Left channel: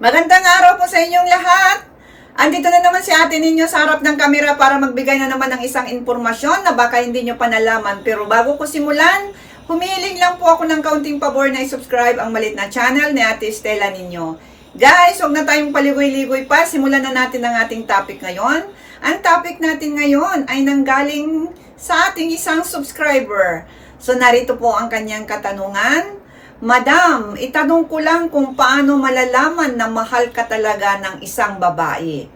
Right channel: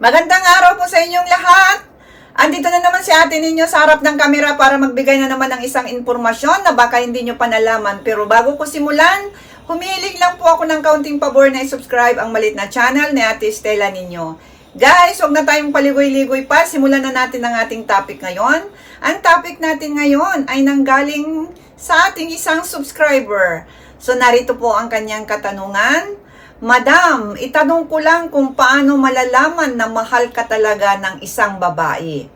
Magandang araw po sa inyong lahat. Andito na naman si ate ninyo sa harap ng kamera para magbigay na naman ng isang informasyon na baka hindi nyo pa nalaman. Pero bago ko simulan, humihiling lang po ako ng kaunting pabor na i-subscribe ang malit na channel ni ate Stella ninyo. Guys, huwag na tayong paligoy-ligoy pa. Simulan na natin ang ating topic ngayon. Ang topic natin ngayon ay nanggaling sa ating isang subscriber. So narito po ang kanyang katanungan. Madam, itanong ko lang kung paano malalaman na mahal ka talaga ng isang babae.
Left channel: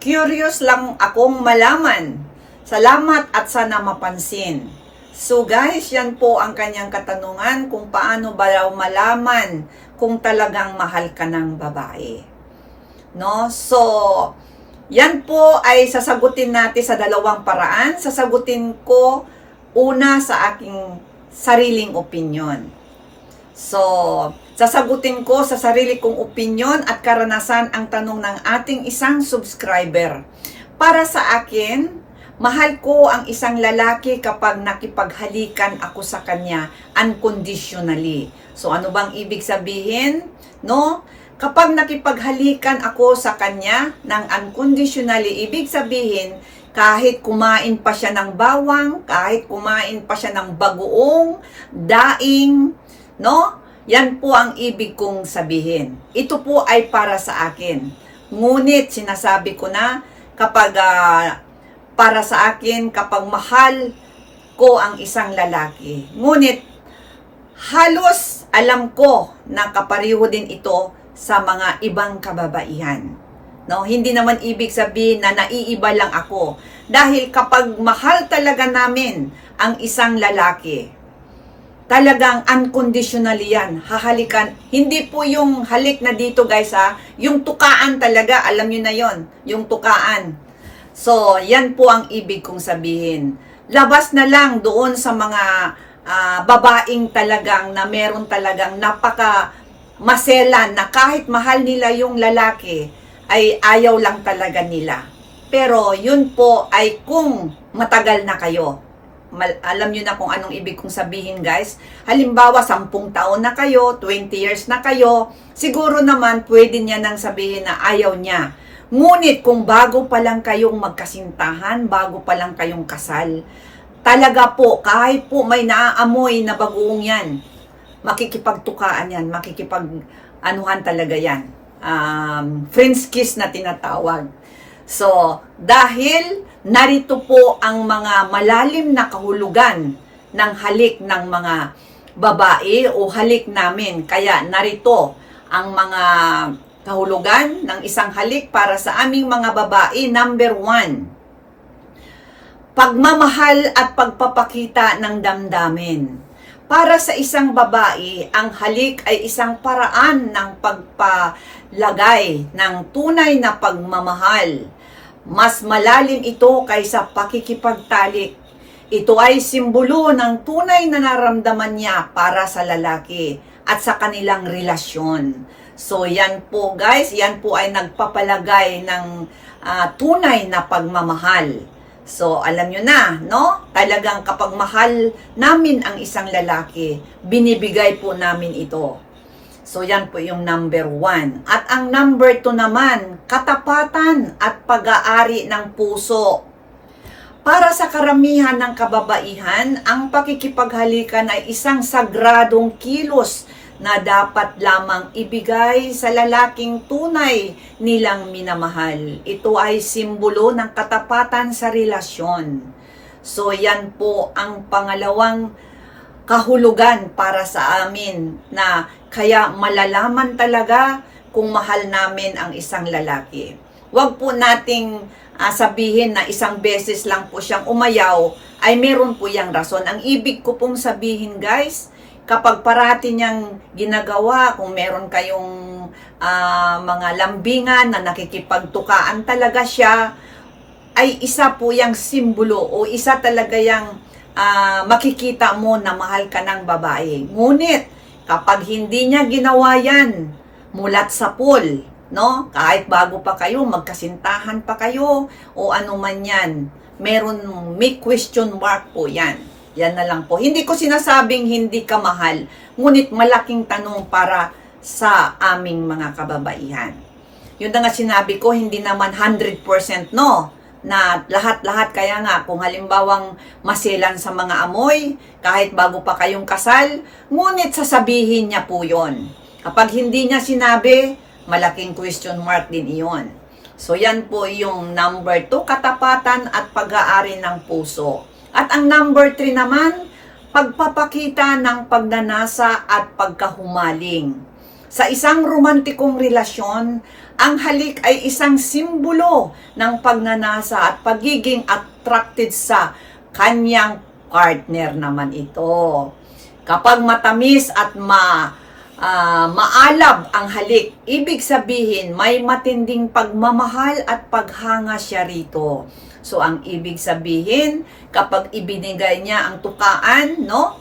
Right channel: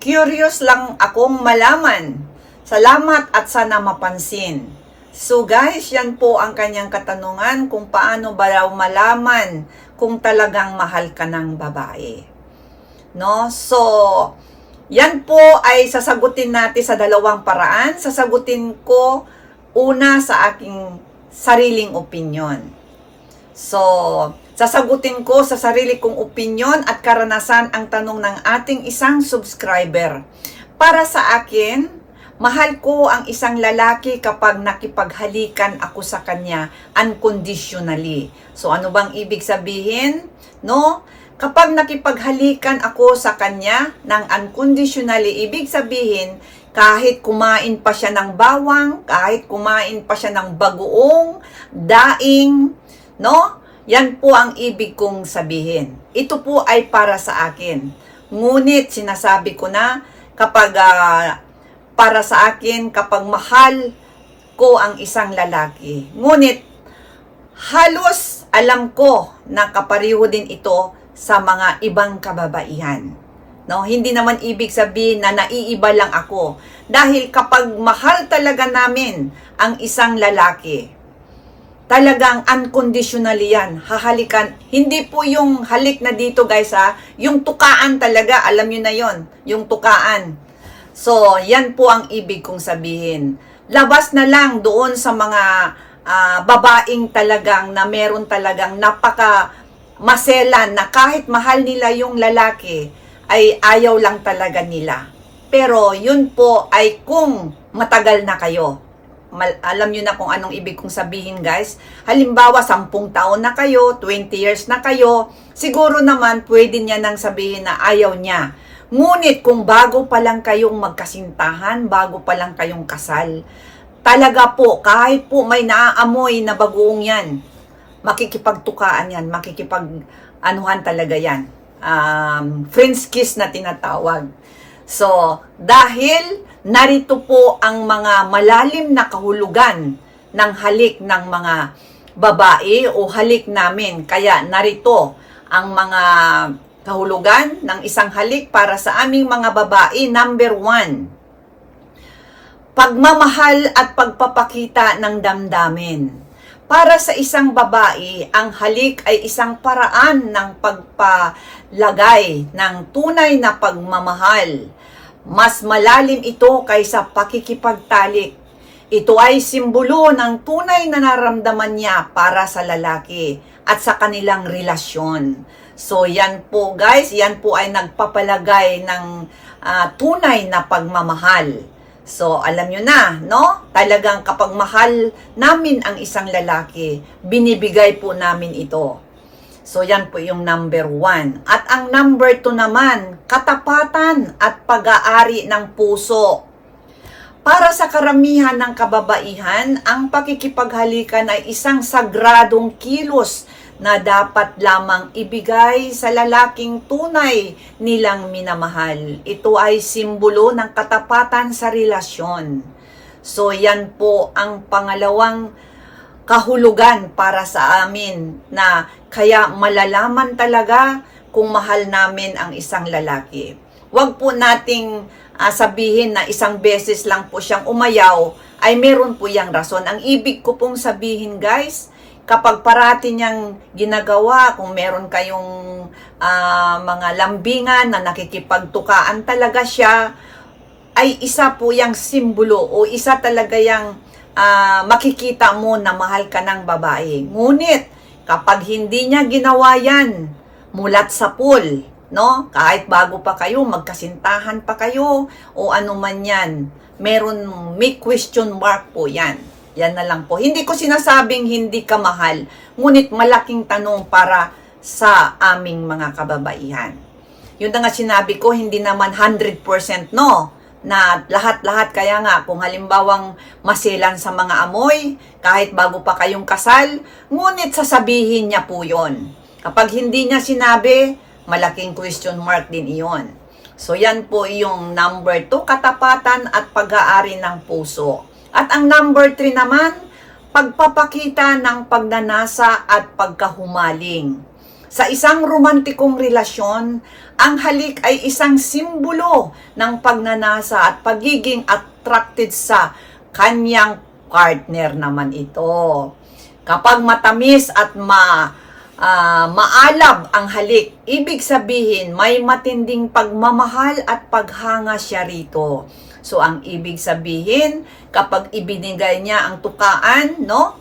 Curious lang akong malaman. Salamat at sana mapansin. So guys, yan po ang kanyang katanungan kung paano ba raw malaman kung talagang mahal ka ng babae. No? So, yan po ay sasagutin natin sa dalawang paraan. Sasagutin ko una sa aking sariling opinion. So, sasagutin ko sa sarili kong opinion at karanasan ang tanong ng ating isang subscriber. Para sa akin, mahal ko ang isang lalaki kapag nakipaghalikan ako sa kanya unconditionally. So, ano bang ibig sabihin? No? Kapag nakipaghalikan ako sa kanya ng unconditionally, ibig sabihin, kahit kumain pa siya ng bawang, kahit kumain pa siya ng bagoong, daing, No? Yan po ang ibig kong sabihin. Ito po ay para sa akin. Ngunit sinasabi ko na kapag ah, para sa akin, kapag mahal ko ang isang lalaki. Ngunit halos alam ko na kapariho din ito sa mga ibang kababaihan. No, hindi naman ibig sabihin na naiiba lang ako. Dahil kapag mahal talaga namin ang isang lalaki, talagang unconditionally yan. Hahalikan. Hindi po yung halik na dito guys ha. Yung tukaan talaga. Alam nyo na yon Yung tukaan. So, yan po ang ibig kong sabihin. Labas na lang doon sa mga ah, babaeng talagang na meron talagang napaka maselan na kahit mahal nila yung lalaki ay ayaw lang talaga nila. Pero yun po ay kung matagal na kayo alam nyo na kung anong ibig kong sabihin guys. Halimbawa, 10 taon na kayo, 20 years na kayo, siguro naman pwede niya nang sabihin na ayaw niya. Ngunit kung bago pa lang kayong magkasintahan, bago pa lang kayong kasal, talaga po, kahit po may naaamoy na bagoong yan, makikipagtukaan yan, makikipag anuhan talaga yan. Um, friends kiss na tinatawag. So, dahil narito po ang mga malalim na kahulugan ng halik ng mga babae o halik namin. Kaya narito ang mga kahulugan ng isang halik para sa aming mga babae. Number one, pagmamahal at pagpapakita ng damdamin. Para sa isang babae, ang halik ay isang paraan ng pagpalagay ng tunay na pagmamahal. Mas malalim ito kaysa pakikipagtalik. Ito ay simbolo ng tunay na naramdaman niya para sa lalaki at sa kanilang relasyon. So yan po guys, yan po ay nagpapalagay ng ah, tunay na pagmamahal. So, alam nyo na, no? Talagang kapag mahal namin ang isang lalaki, binibigay po namin ito. So, yan po yung number one. At ang number two naman, katapatan at pag-aari ng puso. Para sa karamihan ng kababaihan, ang pakikipaghalikan ay isang sagradong kilos na dapat lamang ibigay sa lalaking tunay nilang minamahal. Ito ay simbolo ng katapatan sa relasyon. So yan po ang pangalawang kahulugan para sa amin na kaya malalaman talaga kung mahal namin ang isang lalaki. Huwag po nating ah, sabihin na isang beses lang po siyang umayaw ay meron po yang rason. Ang ibig ko pong sabihin guys, kapag parati niyang ginagawa, kung meron kayong ah, mga lambingan na nakikipagtukaan talaga siya, ay isa po yung simbolo o isa talaga yung ah, makikita mo na mahal ka ng babae. Ngunit, kapag hindi niya ginawa yan, mulat sa pool, no? Kahit bago pa kayo, magkasintahan pa kayo, o ano man yan, meron, may question mark po yan. Yan na lang po. Hindi ko sinasabing hindi ka mahal, ngunit malaking tanong para sa aming mga kababaihan. Yun na nga sinabi ko, hindi naman 100% no, na lahat-lahat kaya nga kung halimbawang masilan sa mga amoy, kahit bago pa kayong kasal, ngunit sasabihin niya po yon. Kapag hindi niya sinabi, malaking question mark din iyon. So yan po yung number 2, katapatan at pag-aari ng puso. At ang number 3 naman, pagpapakita ng pagnanasa at pagkahumaling. Sa isang romantikong relasyon, ang halik ay isang simbolo ng pagnanasa at pagiging attracted sa kanyang partner naman ito. Kapag matamis at ma ah, maalab ang halik, ibig sabihin may matinding pagmamahal at paghanga siya rito. So ang ibig sabihin, kapag ibinigay niya ang tukaan, no?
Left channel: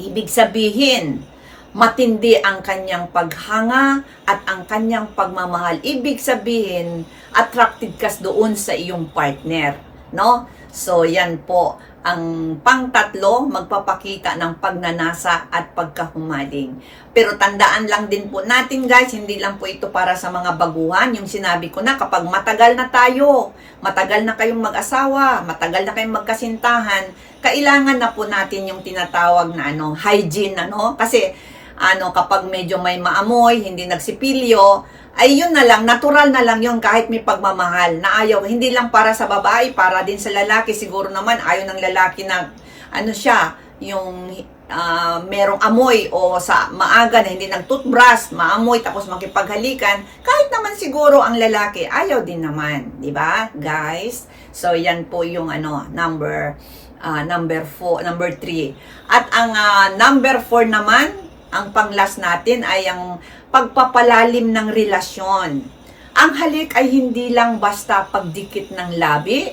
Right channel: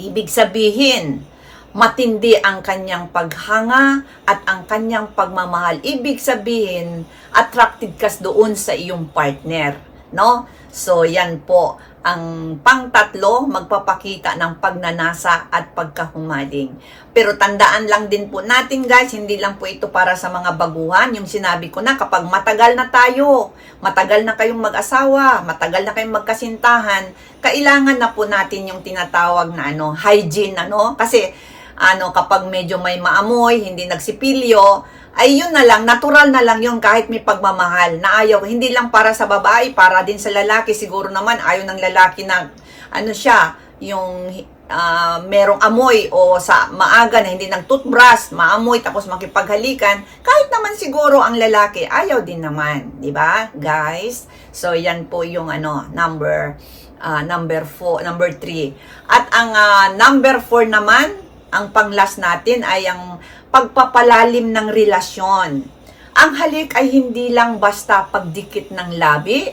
Ibig sabihin, matindi ang kanyang paghanga at ang kanyang pagmamahal. Ibig sabihin, attracted ka doon sa iyong partner, no? So, yan po. Ang pangtatlo, magpapakita ng pagnanasa at pagkahumaling. Pero tandaan lang din po natin guys, hindi lang po ito para sa mga baguhan. Yung sinabi ko na, kapag matagal na tayo, matagal na kayong mag-asawa, matagal na kayong magkasintahan, kailangan na po natin yung tinatawag na ano, hygiene, ano? Kasi, ano, kapag medyo may maamoy, hindi nagsipilyo, ay yun na lang, natural na lang yun kahit may pagmamahal na ayaw. Hindi lang para sa babae, para din sa lalaki. Siguro naman ayaw ng lalaki na, ano siya, yung ah, merong amoy o sa maaga na hindi nag-toothbrush, maamoy tapos makipaghalikan. Kahit naman siguro ang lalaki, ayaw din naman. di ba guys? So, yan po yung ano, number ah, number 4, number 3. At ang ah, number 4 naman, ang panglas natin ay ang pagpapalalim ng relasyon. Ang halik ay hindi lang basta pagdikit ng labi,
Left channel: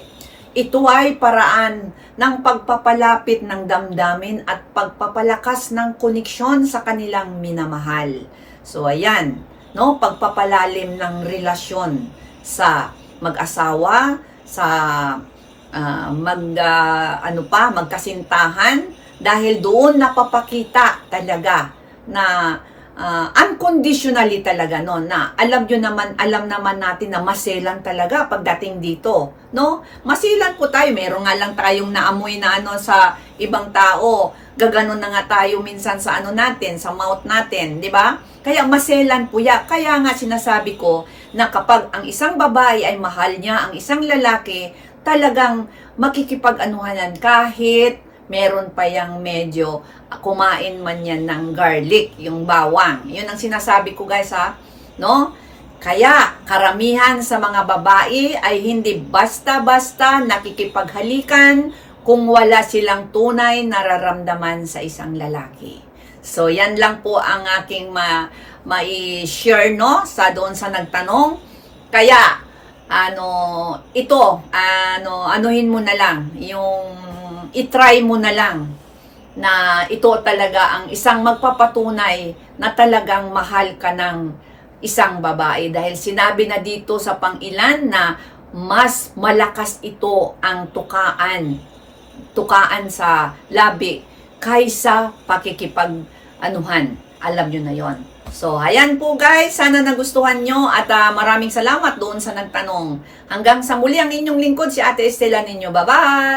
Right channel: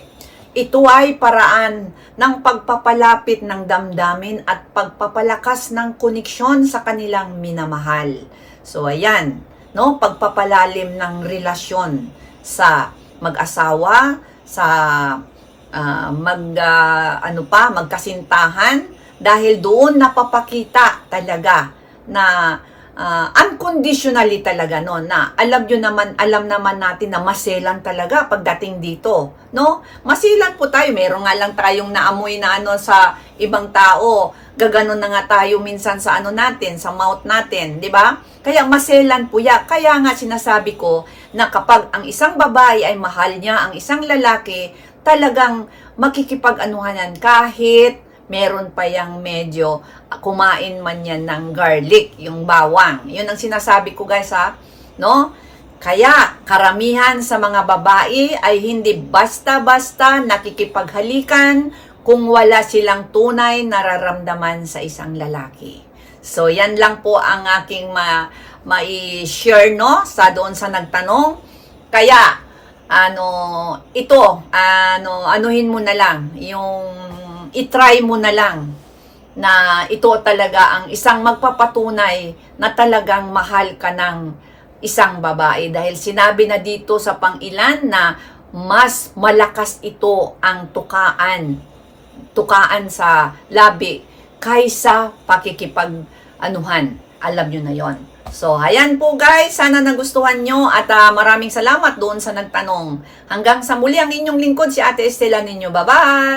ito ay paraan ng pagpapalapit ng damdamin at pagpapalakas ng koneksyon sa kanilang minamahal. So ayan, no, pagpapalalim ng relasyon sa mag-asawa, sa ah, mag ah, ano pa, magkasintahan dahil doon napapakita talaga na ah, unconditionally talaga no na alam nyo naman alam naman natin na maselan talaga pagdating dito no? Masilan po tayo. Meron nga lang tayong naamoy na ano sa ibang tao. Gaganon na nga tayo minsan sa ano natin sa mouth natin di ba? Kaya maselan po ya kaya nga sinasabi ko na kapag ang isang babae ay mahal niya ang isang lalaki talagang makikipag-anuhanan kahit meron pa yang medyo kumain man yan ng garlic, yung bawang. Yun ang sinasabi ko guys ha, no? Kaya karamihan sa mga babae ay hindi basta-basta nakikipaghalikan kung wala silang tunay nararamdaman sa isang lalaki. So yan lang po ang aking ma mai-share no sa doon sa nagtanong. Kaya ano ito ano anuhin mo na lang yung itry mo na lang na ito talaga ang isang magpapatunay na talagang mahal ka ng isang babae dahil sinabi na dito sa pangilan na mas malakas ito ang tukaan tukaan sa labi kaysa pakikipag anuhan alam nyo na yon So, ayan po guys. Sana nagustuhan nyo at ah, maraming salamat doon sa nagtanong. Hanggang sa muli ang inyong lingkod si Ate Estela ninyo. Bye-bye!